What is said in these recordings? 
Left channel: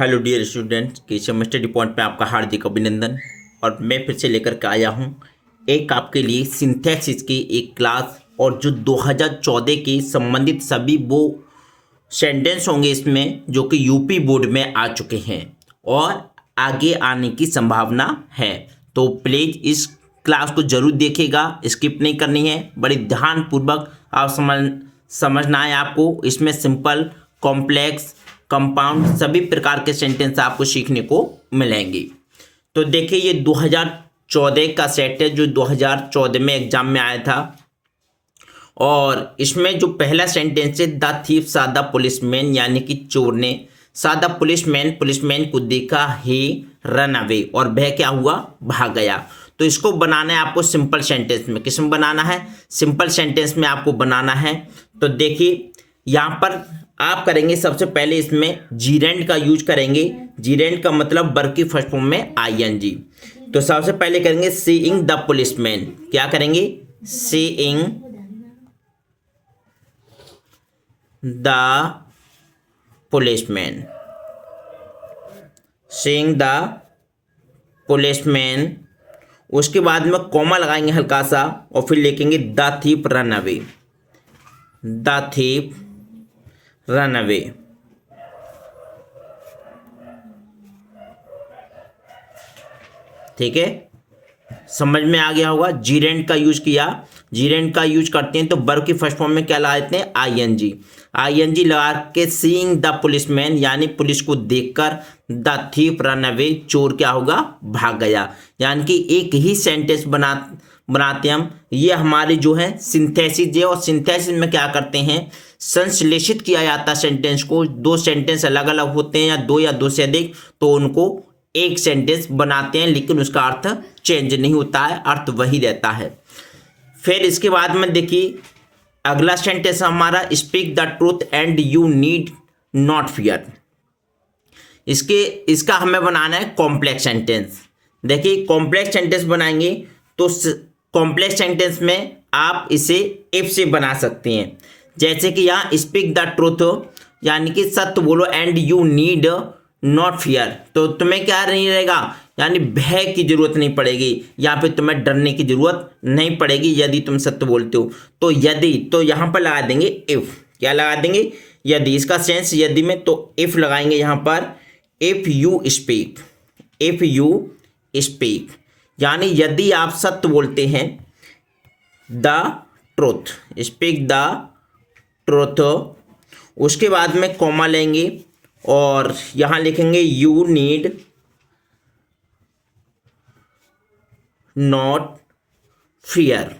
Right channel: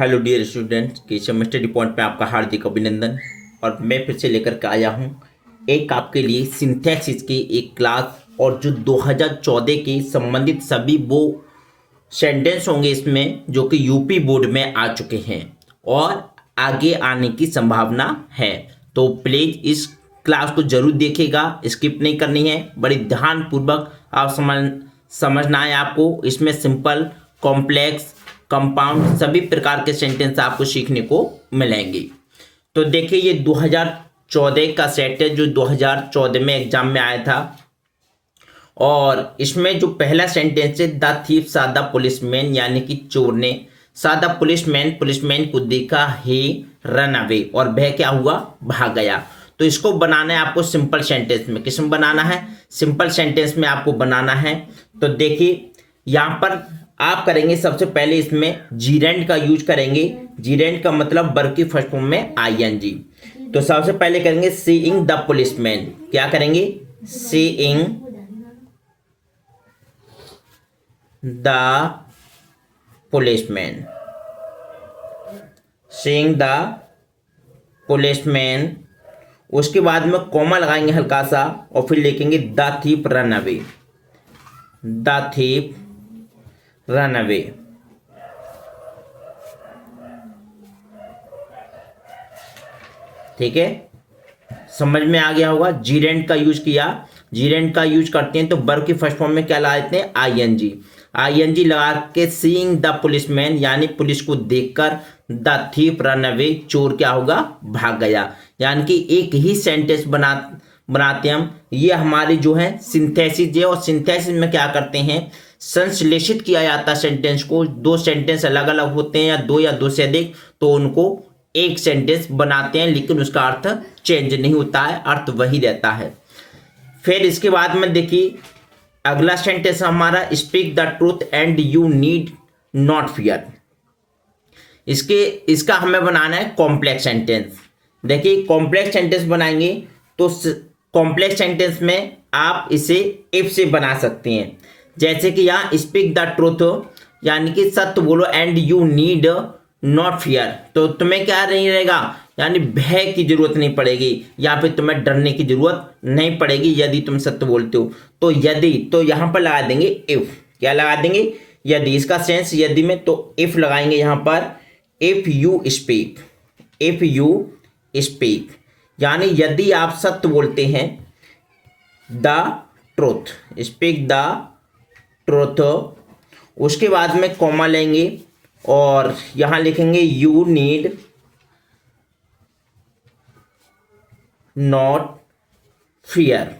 Hello dear students, Keshav study point में आपका हार्दिक अभिनंदन। और मैं फिर से लेकर के आया हूँ एक आपके लिए सिंथेसिस की एक क्लास। और जो 2014 के संबंधित सभी वो सेंटेंस होंगे इसमें जो कि यूपी बोर्ड में आ चुके हैं और आगे आने की संभावना है। तो प्लीज़ इस क्लास को जरूर देखिएगा, स्किप नहीं करनी है, बड़ी ध्यानपूर्वक आप समझना है आपको। इसमें सिंपल, कॉम्प्लेक्स, कंपाउंड सभी प्रकार के सेंटेंस आपको सीखने को मिलेंगे। तो देखिए, ये 2014 का सेट है जो 2014 में एग्जाम में आया था। और इसमें जो पहला सेंटेंस है, द थीफ सा द पुलिसमैन, यानी कि चोर ने सादा पुलिसमैन को देखा, ही रन अवे, और वह क्या हुआ, भाग गया। तो इसको बनाना है आपको सिंपल सेंटेंस में। किस में बनाना है? सिंपल सेंटेंस में आपको बनाना है। तो देखिए, यहाँ पर आप करेंगे सबसे पहले इसमें जीरेंड का यूज करेंगे। जीरेंड का मतलब वर्ब की फर्स्ट फॉर्म में आईएनजी। तो सबसे पहले करेंगे सीइंग द पुलिसमैन। क्या करेंगे? Seeing the policeman. Seeing the policeman. उसके बाद में कॉमा लगाएंगे हल्का सा और फिर लिखेंगे the thief run away. The thief run away. ठीक है, समझ में आ गया होगा। जीरेंड का यूज किया। जीरेंड का यूज करते हैं तो वर्ब की फर्स्ट फॉर्म में क्या लगाते हैं? आईएनजी। आईएनजी लगा के सीइंग द पुलिसमैन, यानी पुलिस को देखकर, द थीफ रन अवे, चोर क्या होगा, भाग गया। यानी कि एक ही सेंटेंस बनाते हम। ये हमारी जो है सिंथेसिस है। और सिंथेसिस में क्या करते हैं, संश्लेषित किया जाता है सेंटेंस को। दो सेंटेंस अलग अलग होते हैं या दो से अधिक, तो उनको एक सेंटेंस बनाते हैं, लेकिन उसका अर्थ चेंज नहीं होता है, अर्थ वही रहता है। फिर इसके बाद में देखिए, अगला सेंटेंस हमारा speak the truth and you need not fear. इसका हमें बनाना है कॉम्प्लेक्स सेंटेंस। देखिए, कॉम्प्लेक्स सेंटेंस बनाएंगे तो कॉम्प्लेक्स सेंटेंस में आप इसे इफ से बना सकते हैं। जैसे कि यहाँ स्पीक द ट्रूथ, यानी कि सत्य बोलो, and you need not fear, तो तुम्हें क्या नहीं रहेगा, यानी भय की जरूरत नहीं पड़ेगी, या फिर तुम्हें डरने की जरूरत नहीं पड़ेगी यदि तुम सत्य बोलते हो। तो यदि, तो यहाँ पर लगा देंगे इफ। क्या लगा देंगे? यदि। इसका सेंस यदि में, तो इफ लगाएंगे यहाँ पर। If you speak, if you speak, यानी यदि आप सत्य बोलते हैं, the truth, speak the truth. उसके बाद में कॉमा लेंगे और यहां लिखेंगे यू नीड नॉट फियर।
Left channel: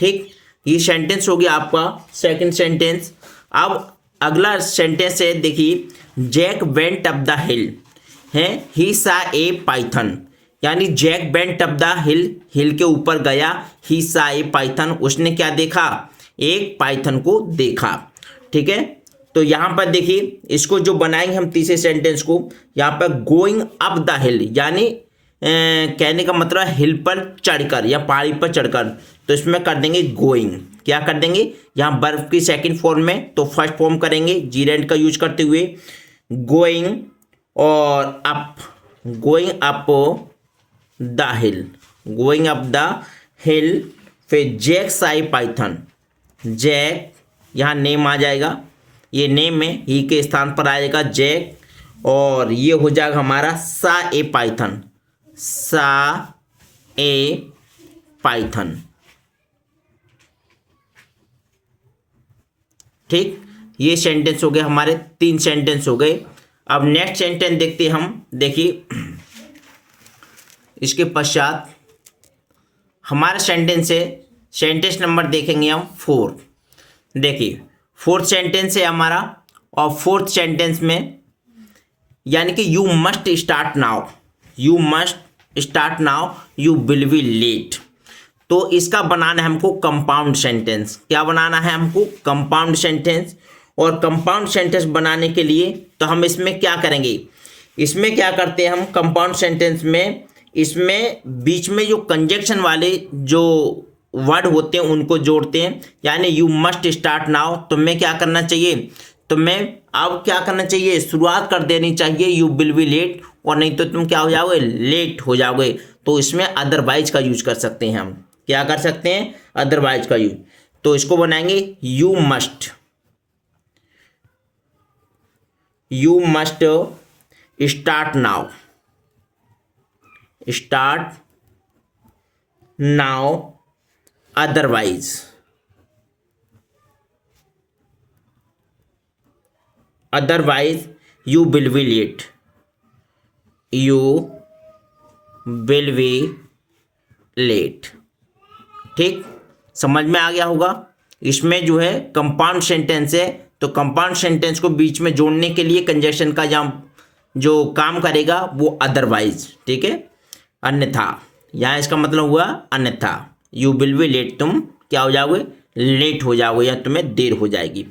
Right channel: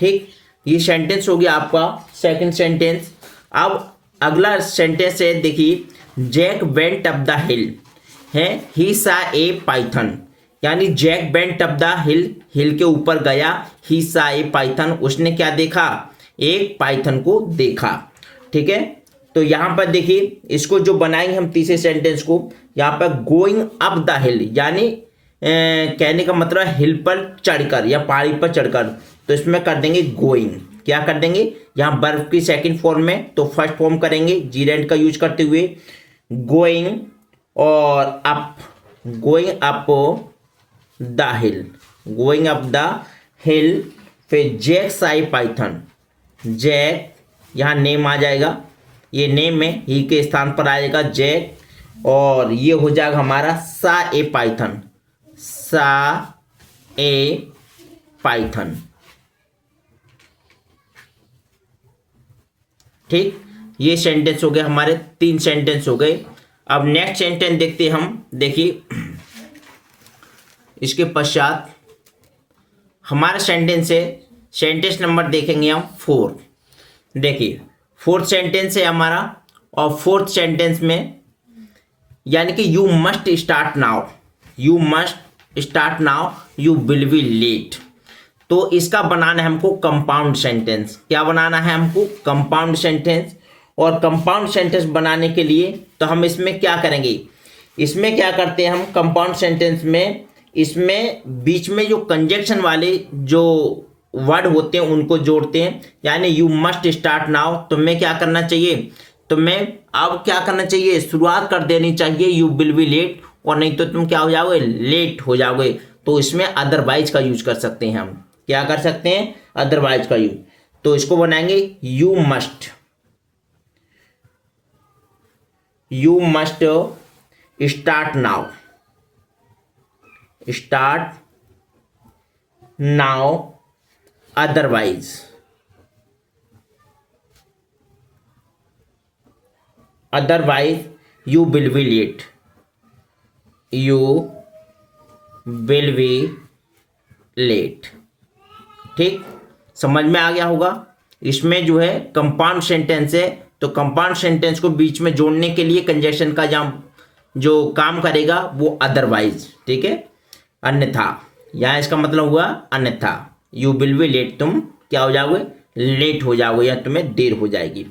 ठीक, ये सेंटेंस हो गया आपका सेकंड सेंटेंस। अब अगला सेंटेंस है, देखिए, Jack went up the hill है, ही सा ए पाइथन, यानी Jack went up the hill, hill के ऊपर गया, ही सा ए पाइथन, उसने क्या देखा, एक पाइथन को देखा। ठीक है, तो यहां पर देखिए, इसको जो बनाएंगे हम तीसरे सेंटेंस को, यहां पर गोइंग अप द हिल, यानी कहने का मतलब हिल पर चढ़कर या पहाड़ी पर चढ़कर, तो इसमें कर देंगे गोइंग। क्या कर देंगे? यहाँ वर्ब की सेकंड फॉर्म में, तो फर्स्ट फॉर्म करेंगे जीरेंड का यूज करते हुए, गोइंग और up, going up the hill, going up the हिल। फिर जैक साई पाइथन, जैक, यहाँ नेम आ जाएगा, ये नेम में ही के स्थान पर आएगा जैक, और ये हो जाएगा हमारा सा ए पाइथन, सा ए पाइथन। ठीक, ये सेंटेंस हो गए हमारे, तीन सेंटेंस हो गए। अब नेक्स्ट सेंटेंस देखते हैं हम। देखिए, इसके पश्चात हमारा सेंटेंस है, सेंटेंस नंबर देखेंगे हम 4। देखिए, फोर्थ सेंटेंस है हमारा, और फोर्थ सेंटेंस में यानी कि you must start now, you must start now, you will be late. तो इसका बनाना है हमको कंपाउंड सेंटेंस। क्या बनाना है हमको? Compound sentence. और कंपाउंड सेंटेंस बनाने के लिए तो हम इसमें क्या करेंगे, इसमें क्या करते हैं हम कंपाउंड सेंटेंस में, इसमें बीच में जो कंजक्शन वाले जो वर्ड होते हैं उनको जोड़ते हैं। यानी यू मस्ट स्टार्ट नाउ, तुम्हें क्या करना चाहिए, तो मैं अब क्या करना चाहिए, शुरुआत कर देनी चाहिए यू विल बी लेट, और नहीं तो तुम क्या हो जाओगे, लेट हो जाओगे। तो इसमें अदरवाइज का यूज कर सकते हैं हम, क्या कर सकते हैं, अदरवाइज का यूज। तो इसको बनाएंगे you must start now, otherwise you will be late, ठीक, समझ में आ गया होगा। इसमें जो है कंपाउंड सेंटेंस है, तो कंपाउंड सेंटेंस को बीच में जोड़ने के लिए कंजक्शन का जो काम करेगा वो अदरवाइज, ठीक है, अन्यथा। यहाँ इसका मतलब हुआ अन्यथा, यू विल बी लेट, तुम क्या हो जाओगे, लेट हो जाओगे या तुम्हें देर हो जाएगी।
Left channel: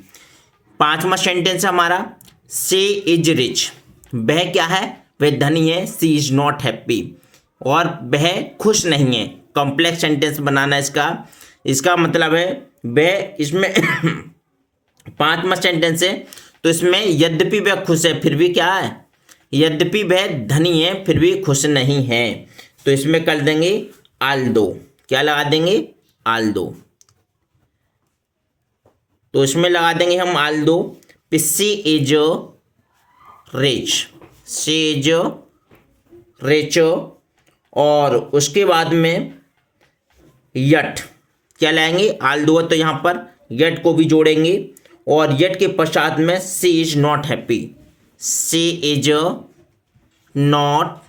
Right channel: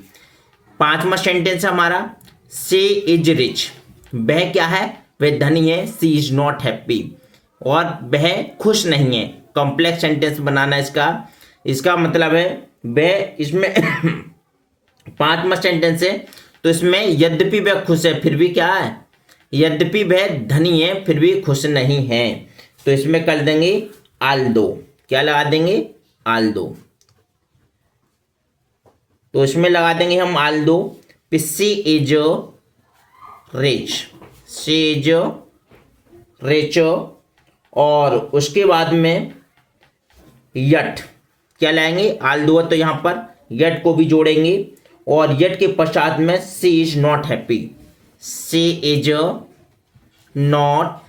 5वां सेंटेंस है हमारा शी इज रिच, वह क्या है, वह धनी है। शी इज नॉट हैप्पी, और वह खुश नहीं है। कॉम्प्लेक्स सेंटेंस बनाना इसका मतलब है वह, इसमें 5वां सेंटेंस है, तो इसमें यद्यपि वह खुश है फिर भी क्या है, यद्यपि वह धनी है फिर भी खुश नहीं है। तो इसमें कर देंगे आल्दो, क्या लगा देंगे, आल्दो। तो इसमें लगा देंगे हम आल्दो। शी इज रिच, और उसके बाद में यट क्या लाएंगे, आल्दो तो यहाँ पर यट को भी जोड़ेंगे, और यट के पश्चात में she is not happy, she is not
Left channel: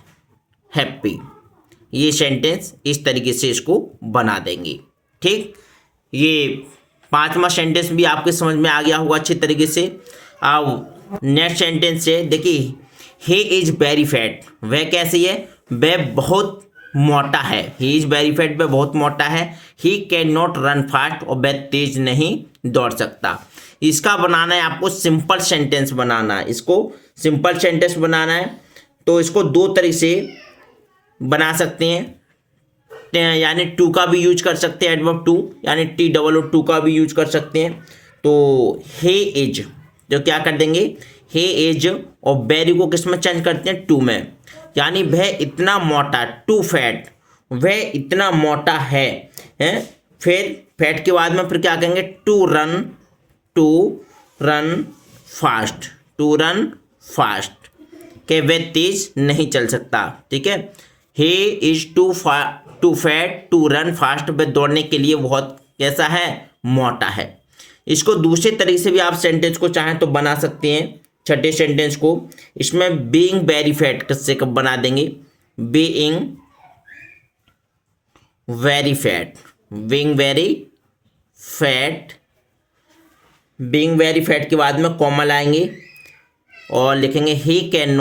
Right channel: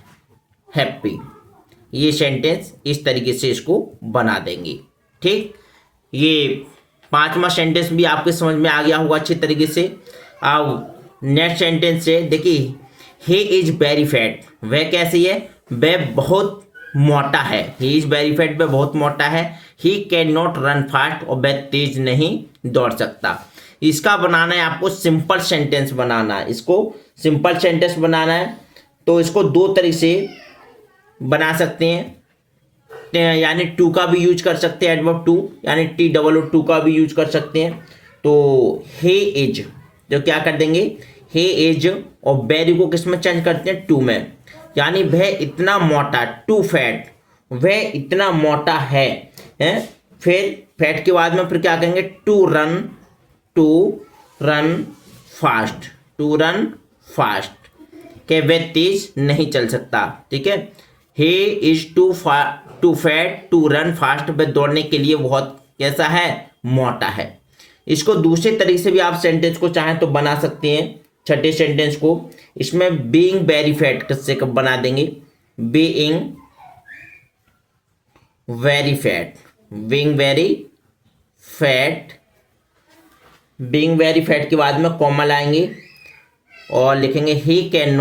happy. ये सेंटेंस इस तरीके से इसको बना देंगे, ठीक। ये 5वां सेंटेंस भी आपके समझ में आ गया होगा अच्छी तरीके से। अब नेक्स्ट सेंटेंस है, देखिए ही इज वेरी फैट, वह कैसी है, वह बहुत मोटा है। ही इज वेरी फैट, वह बहुत मोटा है। He can not run fast, और वह तेज नहीं दौड़ सकता। इसका बनाना है आपको सिंपल सेंटेंस बनाना है, इसको सिंपल सेंटेंस बनाना है। तो इसको 2 तरीके से बना सकते हैं, यानी टू का भी यूज कर सकते हैं, एडवर्ब टू यानी TOO का भी यूज कर सकते हैं। तो हे इज, जो क्या कर देंगे, हे इज, और वेरी को किस में चेंज करते हैं, टू में, यानी वह इतना मोटा, टू फैट, वह इतना मोटा है, फिर फैट के बाद में फिर क्या कहेंगे, टू रन फास्ट, के वह तेज नहीं चल सकता, ठीक है। He is too fat to run fast, वह दौड़ने के लिए बहुत कैसा है, मोटा है। इसको दूसरे तरीके से भी आप सेंटेंस को चाहें तो बना सकते हैं, छठे सेंटेंस को। इसमें बीइंग वेरी फैट किससे कब बना देंगे, बीइंग वेरी फैट के बाद में कॉमा लाएंगे और लिखेंगे ही कैन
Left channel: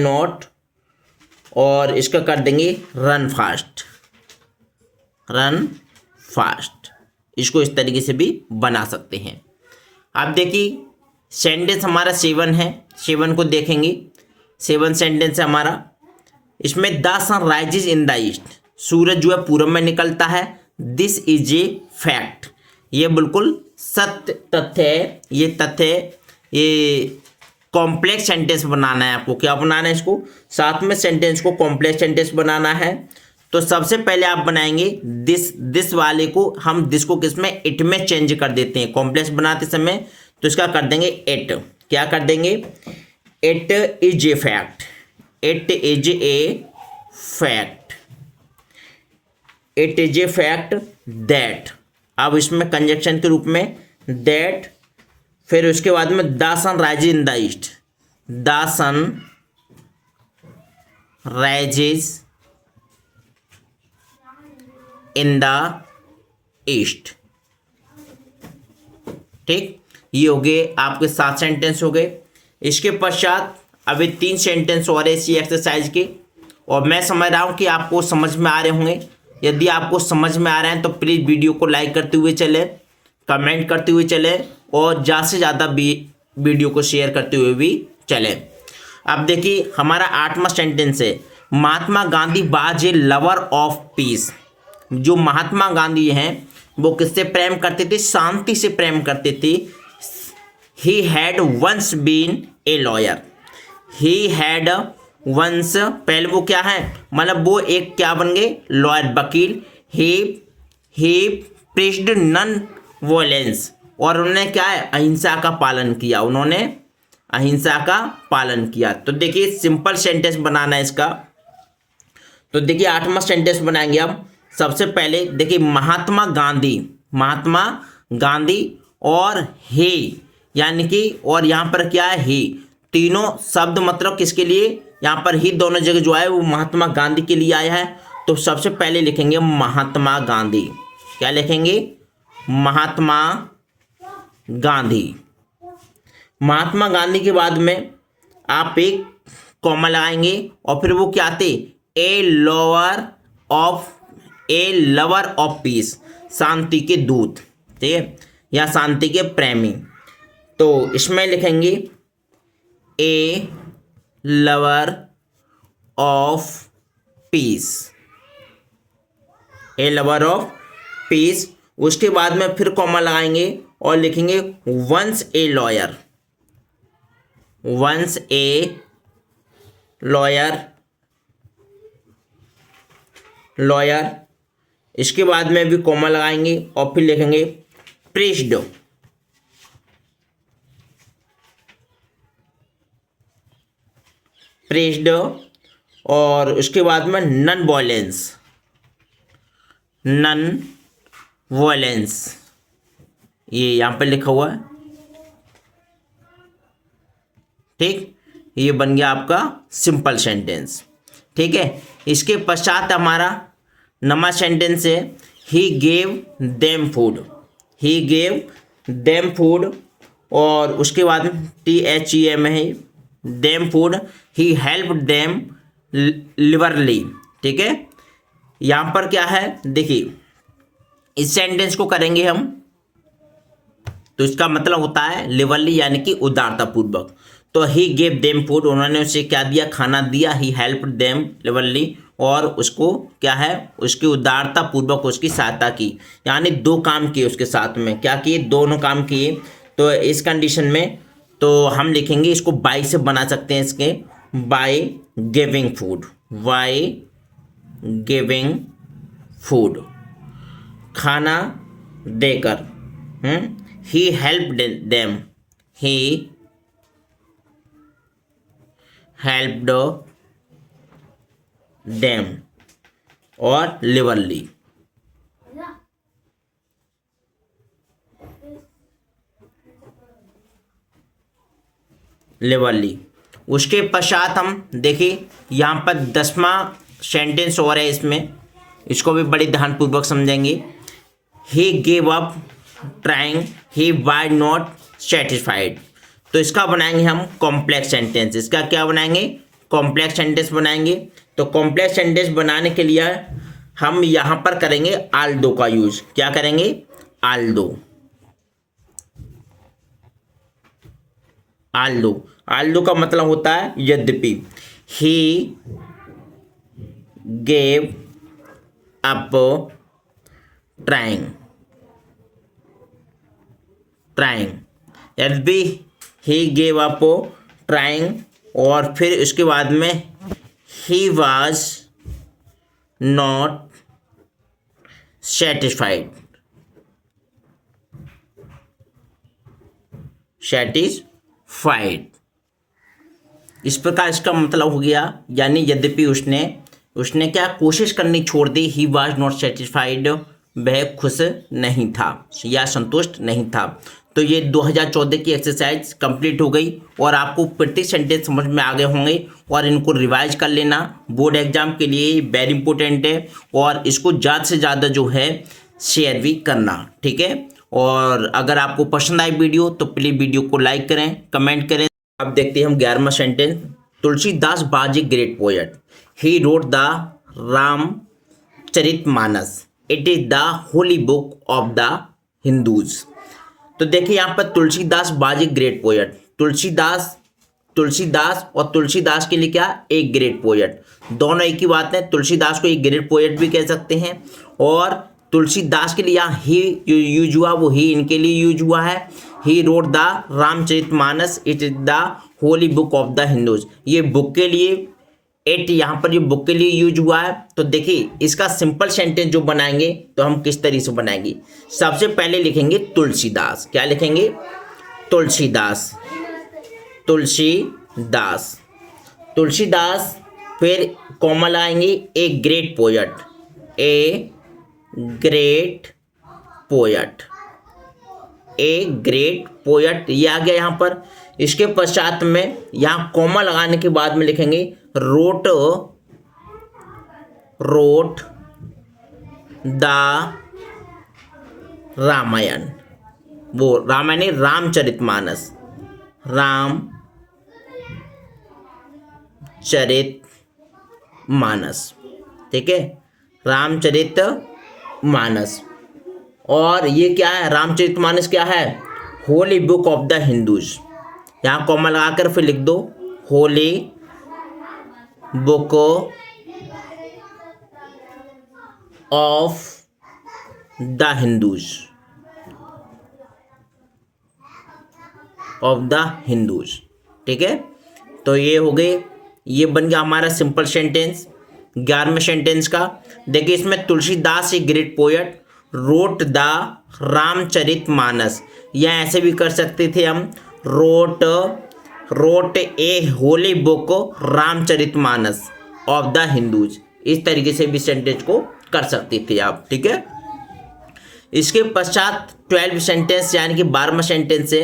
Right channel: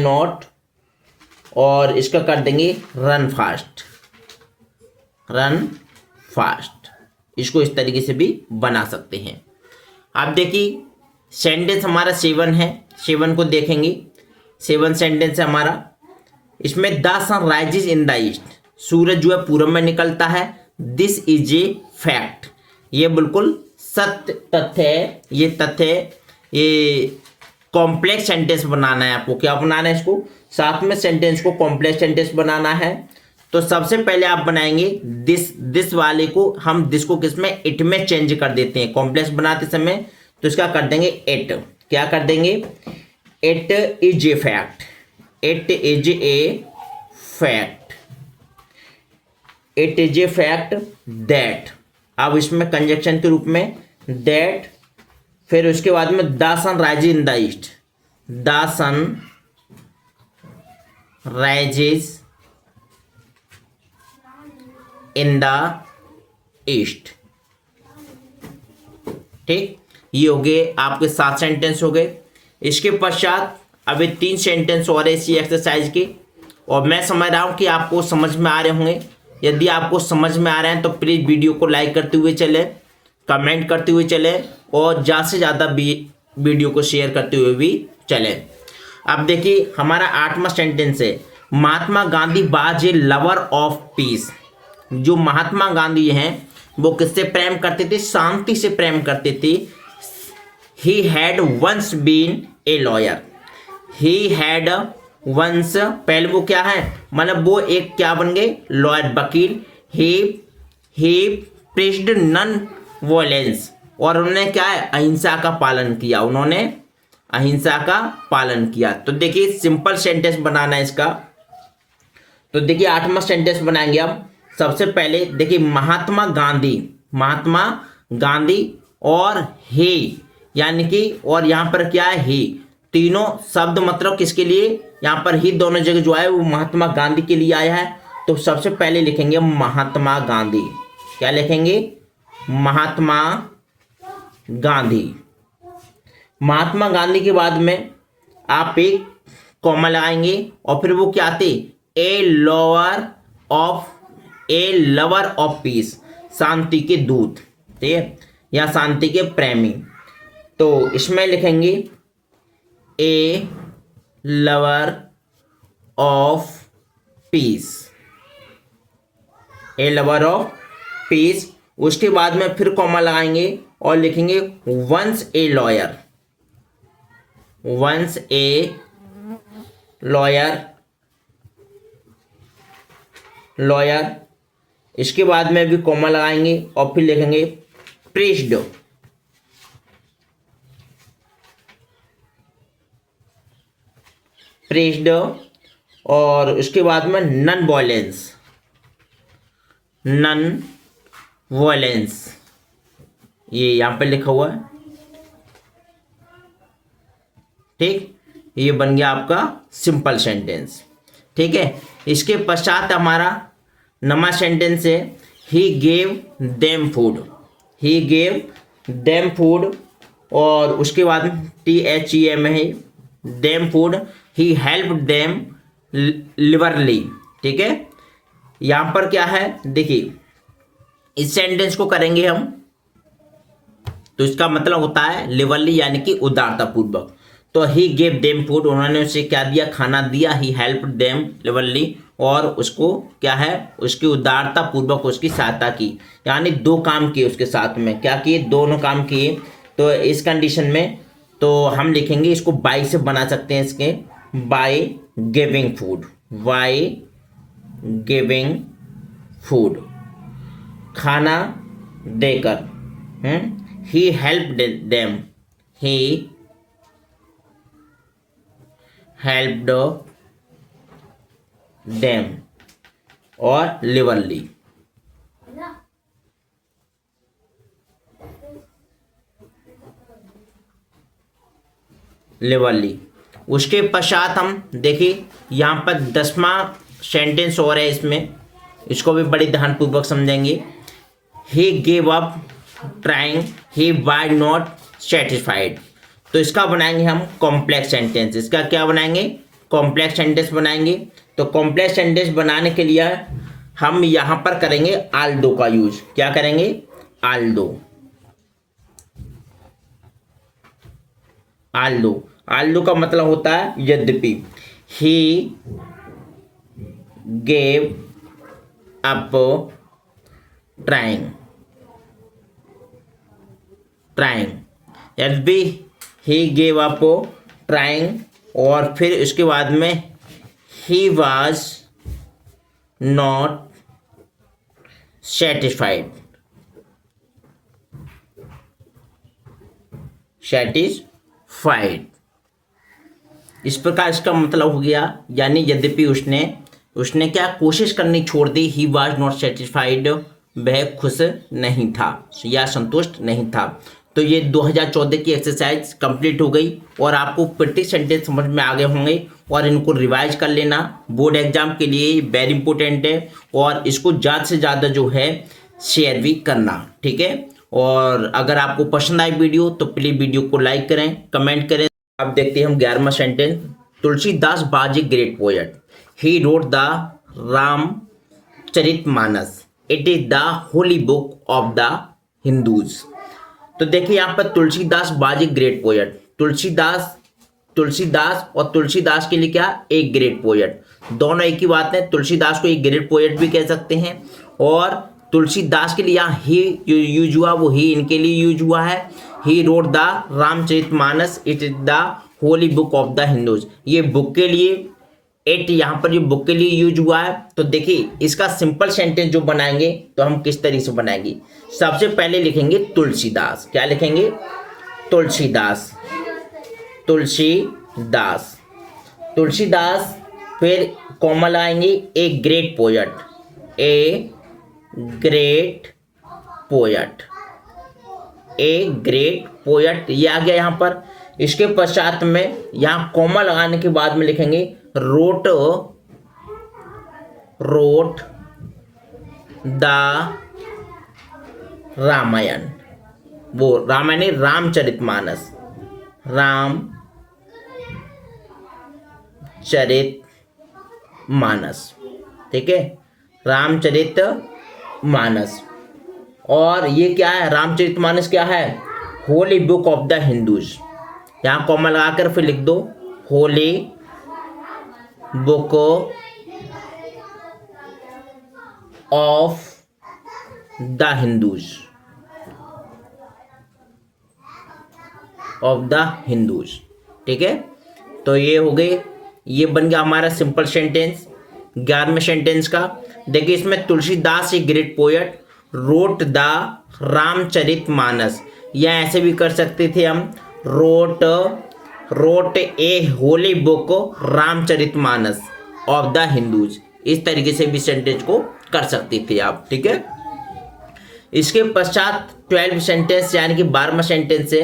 नॉट, और इसका कर देंगे रन फास्ट। इसको इस तरीके से भी बना सकते हैं। आप देखिए सेंटेंस हमारा 7 है, 7 को देखेंगे। 7 सेंटेंस है हमारा। इसमें the sun rises in the east, सूरज जो है पूरब में निकलता है। दिस इज ए फैक्ट, ये बिल्कुल सत्य तथ्य है। ये कॉम्प्लेक्स सेंटेंस बनाना है आपको। क्या बनाना है इसको, साथ में सेंटेंस को कॉम्प्लेक्स सेंटेंस बनाना है। तो सबसे पहले आप बनाएंगे दिस वाले को, हम दिस को किस में, इट में चेंज कर देते हैं कॉम्प्लेक्स बनाते समय। तो इसका कर देंगे इट, क्या कर देंगे, it is a fact, it is a fact that. अब इसमें कंजक्शन के रूप में दैट, फिर उसके बाद में the sun rises in the east, the sun rises in the east, ठीक। ये हो गए आपके 7 सेंटेंस हो गए। इसके पश्चात अभी 3 सेंटेंस और इसी एक्सरसाइज के, और मैं समझ रहा हूँ कि आपको समझ में आ रहे होंगे। यदि आपको समझ में आ रहे हैं तो प्लीज़ वीडियो को लाइक करते हुए चलें, कमेंट करते हुए चलें, और ज़्यादा से ज़्यादा वीडियो को शेयर करते हुए भी चलें। अब देखिए हमारा 8वां सेंटेंस है, Mahatma Gandhi was a lover of peace. जो महात्मा गांधी हैं वो किससे प्रेम करते थे? शांति से प्रेम करते थे। He had once been a lawyer. He had once, पहले वो क्या है, मतलब वो एक क्या बन गए? लॉयर, वकील। ही प्रीच्ड नन वॉयलेंस, और उन्होंने क्या है? अहिंसा का पालन किया। उन्होंने अहिंसा का पालन किया। तो देखिए सिंपल सेंटेंस बनाना है इसका। तो देखिए 8वां सेंटेंस बनाएंगे हम। सबसे पहले देखिए महात्मा गांधी, महात्मा गांधी और हे, यानी कि और यहाँ पर क्या है? ही। तीनों शब्द मतलब किसके लिए? यहाँ पर ही दोनों जगह जो है वो महात्मा गांधी के लिए आया है। तो सबसे पहले लिखेंगे महात्मा गांधी। क्या लिखेंगे? महात्मा गांधी। महात्मा गांधी के बाद में आप एक कॉमा लगाएंगे और फिर वो क्या आते? ए लवर ऑफ पीस, शांति के दूत, ठीक है, या शांति के प्रेमी। तो इसमें लिखेंगे a lover of peace, a lover of peace. उसके बाद में फिर कॉमा लगाएंगे और लिखेंगे once a lawyer, once a lawyer, lawyer. इसके बाद में भी कॉमा लगाएंगे और फिर लिखेंगे प्रीच्ड, प्रीच्ड। और उसके बाद में नन वॉयलेंस, नन वॉयलेंस, ये यहाँ पे लिखा हुआ है, ठीक। ये बन गया आपका सिंपल सेंटेंस, ठीक है। इसके पश्चात हमारा नवा सेंटेंस है he gave them food, he gave them food. और उसके बाद THEM है, देम फूड। ही हेल्प देम लिबरली, ठीक है। यहाँ पर क्या है देखिए, इस सेंटेंस को करेंगे हम तो इसका मतलब होता है लिबरली, यानी कि उदारता पूर्वक। तो ही गेव देम फूड, उन्होंने उसे क्या दिया? खाना दिया। ही हेल्प देम लिबरली, और उसको क्या है? उसकी उदारता पूर्वक उसकी सहायता की, यानी दो काम किए उसके साथ में। क्या किए? दोनों काम किए। तो इस कंडीशन में तो हम लिखेंगे इसको बाय से बना सकते हैं, इसके by giving food, by giving food, खाना देकर। He help them, he helped them, और लिबरली। लिबरली। उसके पश्चात हम देखिए यहाँ पर 10वां सेंटेंस और है इसमें, इसको भी बड़ी ध्यानपूर्वक समझेंगे। He gave up trying, he was not satisfied. तो इसका बनाएंगे हम कॉम्प्लेक्स सेंटेंस। इसका क्या बनाएंगे? कॉम्प्लेक्स सेंटेंस बनाएंगे। तो कॉम्प्लेक्स सेंटेंस बनाने के लिए हम यहाँ पर करेंगे आल्दो का यूज। क्या करेंगे? Aldous, Aldous. आल्दो का मतलब होता है यद्यपि। He gave up trying, trying, यद्यपि ही गेव अप ट्राइंग। और फिर इसके बाद में he was not satisfied, satisfied. इस प्रकार इसका मतलब हो गया, यानी यद्यपि उसने क्या कोशिश करनी छोड़ दी। ही वाज नॉट सेटिस्फाइड, वह खुश नहीं था या संतुष्ट नहीं था। तो ये 2014 की एक्सरसाइज कंप्लीट हो गई और आपको प्रत्येक सेंटेंस समझ में आ गए होंगे, और इनको रिवाइज कर लेना। बोर्ड एग्जाम के लिए वेरी इंपॉर्टेंट है, और इसको ज़्यादा से ज़्यादा जो है शेयर भी करना, ठीक है। और अगर आपको पसंद आई वीडियो तो प्लीज़ वीडियो को लाइक करें, कमेंट करें। अब देखते हैं हम 11वां sentence. Tulsidas was a great poet, he wrote the Ramcharitmanas, it is the holy book of the Hindus. तो देखिए यहाँ पर Tulsidas was a great poet. Tulsidas और तुलसीदास के लिए क्या? एक ग्रेट पोएट। दोनों एक ही बात है। तुलसीदास को एक ग्रेट पोएट भी कह सकते हैं और तुलसीदास के लिए यहाँ ही जो यूज हुआ वो ही इनके लिए यूज हुआ है। He wrote the Ramcharitmanas, it is the holy book of the Hindus. ये बुक के लिए, इट यहाँ पर ये बुक के लिए यूज हुआ है। तो देखिए इसका सिंपल सेंटेंस जो बनाएंगे तो हम किस तरीके से बनाएंगे। सबसे पहले लिखेंगे तुलसीदास। क्या लिखेंगे? तुलसीदास, तुलसीदास, तुलसीदास। फिर कॉमा लगाएंगे, ए ग्रेट पोएट, ए ग्रेट पोएट, ए ग्रेट पोएट, ये आ गया यहाँ पर। इसके पश्चात में यहाँ कॉमा लगाने के बाद में लिखेंगे रोट, रोट द रामायण, वो रामायण रामचरितमानस, रामचरितमानस, ठीक है, रामचरितमानस। और ये क्या है? रामचरितमानस क्या है? Holi book of the Hindus. यहाँ कॉमा लगाकर फिर लिख दो Holi book of the Hindus, of the Hindus, ठीक है। तो ये हो गए, ये बन गया हमारा सिंपल सेंटेंस 11वें सेंटेंस का। देखिए इसमें तुलसीदास ए great poet road the Ramcharitmanas, या ऐसे भी कर सकते थे हम, wrote a Holi book Ramcharitmanas of the Hindus. इस तरीके से भी सेंटेंस को कर सकते थे आप, ठीक है। इसके पश्चात 12 सेंटेंस यानी कि 12वां सेंटेंस है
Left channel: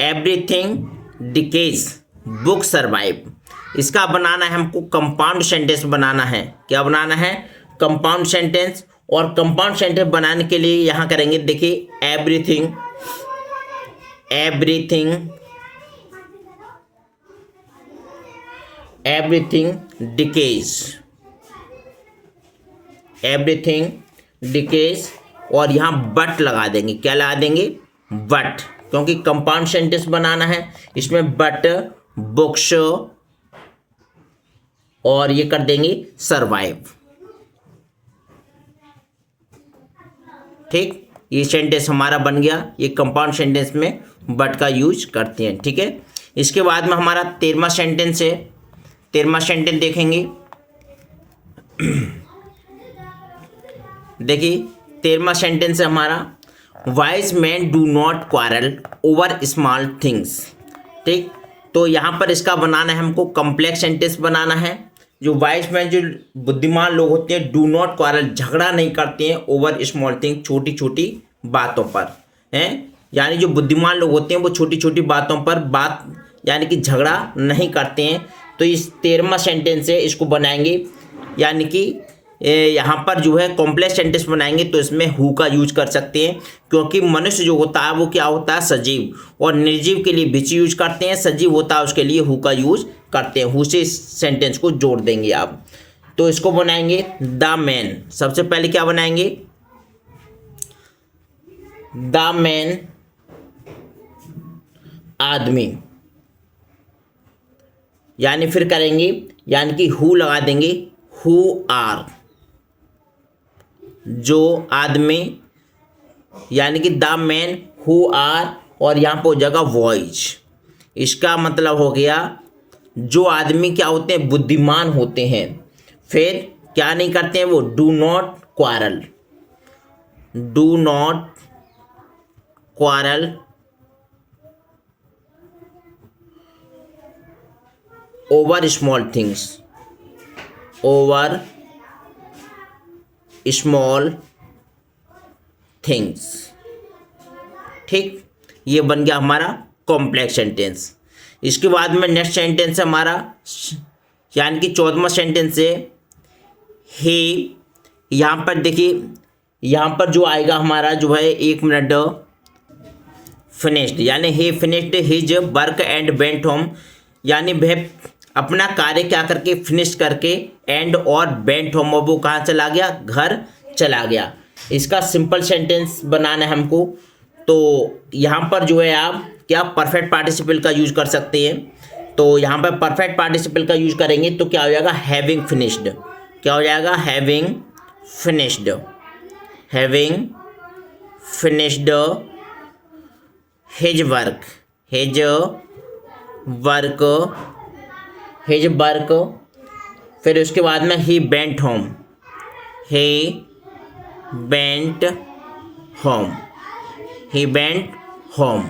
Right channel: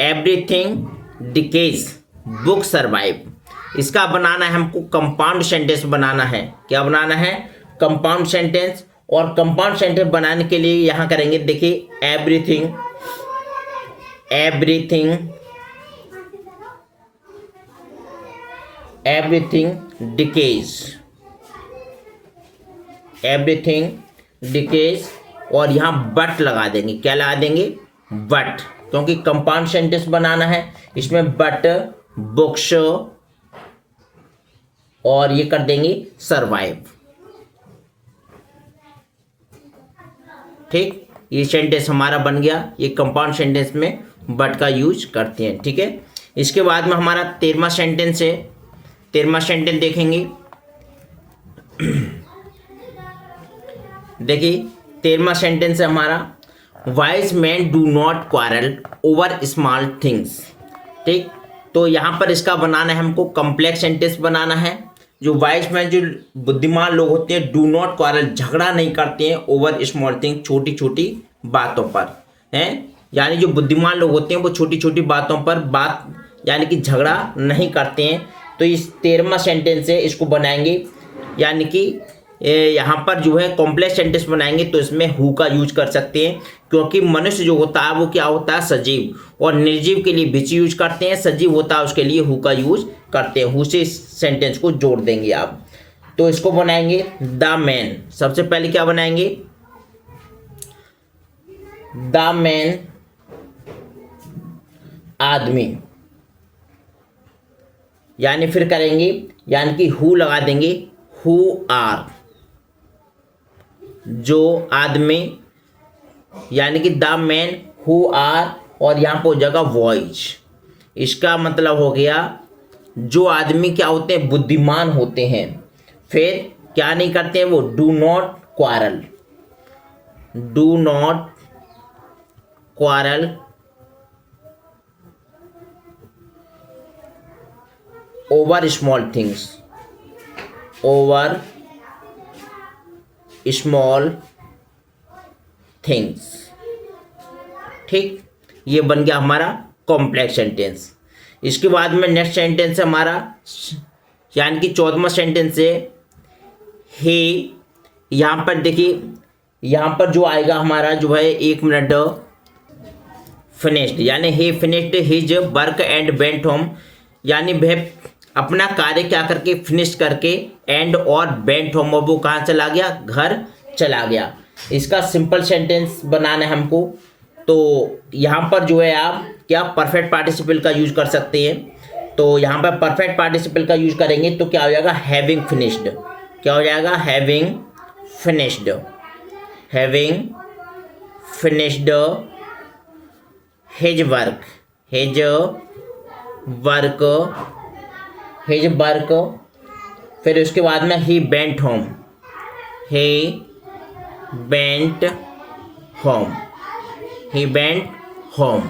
एवरीथिंग डिकेज बुक सर्वाइव। इसका बनाना है हमको कंपाउंड सेंटेंस बनाना है। क्या बनाना है? Compound sentence. और कंपाउंड सेंटेंस बनाने के लिए यहाँ करेंगे, देखिए everything, everything, everything decays, everything decays, और यहाँ बट लगा देंगे। क्या लगा देंगे? बट, क्योंकि कंपाउंड सेंटेंस बनाना है इसमें बट, बुक्स, और ये कर देंगे सर्वाइव, ठीक। ये सेंटेंस हमारा बन गया। ये कंपाउंड सेंटेंस में बट का यूज करते हैं, ठीक है। इसके बाद में हमारा 13वां सेंटेंस है। 13वां सेंटेंस देखेंगे, देखिए 13वां सेंटेंस है हमारा wise man do not quarrel over small things, ठीक। तो यहाँ पर इसका बनाना है हमको कॉम्प्लेक्स सेंटेंस बनाना है। जो वाइज मैन, जो बुद्धिमान लोग होते हैं, डू नॉट क्वारल, झगड़ा नहीं करते हैं, ओवर स्मॉल थिंग, छोटी छोटी बातों पर, हैं। यानी जो बुद्धिमान लोग होते हैं वो छोटी छोटी बातों पर बात यानी कि झगड़ा नहीं करते हैं। तो इस 13वां सेंटेंस है, इसको बनाएंगे, यानी कि यहाँ पर जो है कॉम्प्लेक्स सेंटेंस बनाएंगे तो इसमें हु का यूज कर सकते हैं, क्योंकि मनुष्य जो होता है वो क्या होता है? सजीव, और निर्जीव के लिए विच यूज करते हैं, सजीव होता है उसके लिए हु का यूज करते हैं। हु से इस सेंटेंस को जोड़ देंगे आप। तो इसको बनाएंगे द मैन। सबसे पहले क्या बनाएंगे? द मैन, आदमी, यानी फिर करेंगे, यानी कि हु लगा देंगे, हु आर, जो आदमी, यानी कि द मैन हु आर, और यहाँ पर हो जाएगा वॉइज। इसका मतलब हो गया जो आदमी क्या होते हैं? बुद्धिमान होते हैं। फिर क्या नहीं करते हैं वो? Do not quarrel, do not quarrel over small things, over small things, ठीक। ये बन गया हमारा कॉम्प्लेक्स सेंटेंस। इसके बाद में नेक्स्ट सेंटेंस है हमारा, यानी कि 14वां सेंटेंस है हे। यहाँ पर देखिए, यहाँ पर जो आएगा हमारा जो है, एक मिनट, फिनिश्ड, यानी he finished his work and went home, यानी वह अपना कार्य क्या करके फिनिश करके, एंड और वेंट होम, और वो कहाँ चला गया? घर चला गया। इसका सिंपल सेंटेंस बनाना है हमको। तो यहाँ पर जो है आप क्या परफेक्ट पार्टिसिपल का यूज कर सकते हैं। तो यहाँ पर परफेक्ट पार्टिसिपल का यूज करेंगे तो क्या हो जाएगा? Having finished. क्या हो जाएगा? Having finished, having finished his work, his work. फिर उसके बाद में ही बेंट होम, ही बेंट होम।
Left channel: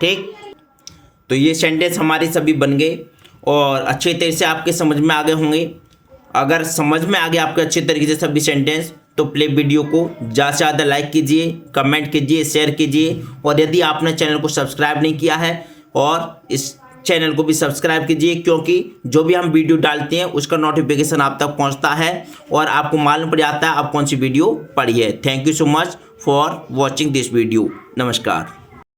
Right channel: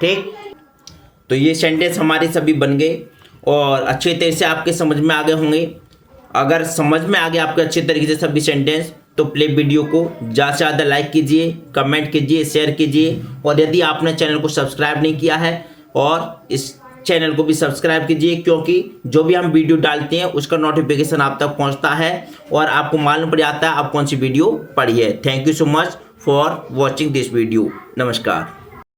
ठीक, तो ये सेंटेंस हमारे सभी बन गए और अच्छे तरह से आपके समझ में आ गए होंगे। अगर समझ में आ गए आपके अच्छे तरीके से सभी सेंटेंस, तो प्ले वीडियो को ज़्यादा से ज़्यादा लाइक कीजिए, कमेंट कीजिए, शेयर कीजिए। और यदि आपने चैनल को सब्सक्राइब नहीं किया है, और इस चैनल को भी सब्सक्राइब कीजिए, क्योंकि जो भी हम वीडियो डालते हैं उसका नोटिफिकेशन आप तक पहुंचता है और आपको मालूम पड़ जाता है आप कौन सी वीडियो पढ़ी है। Thank you so much for watching this video. नमस्कार।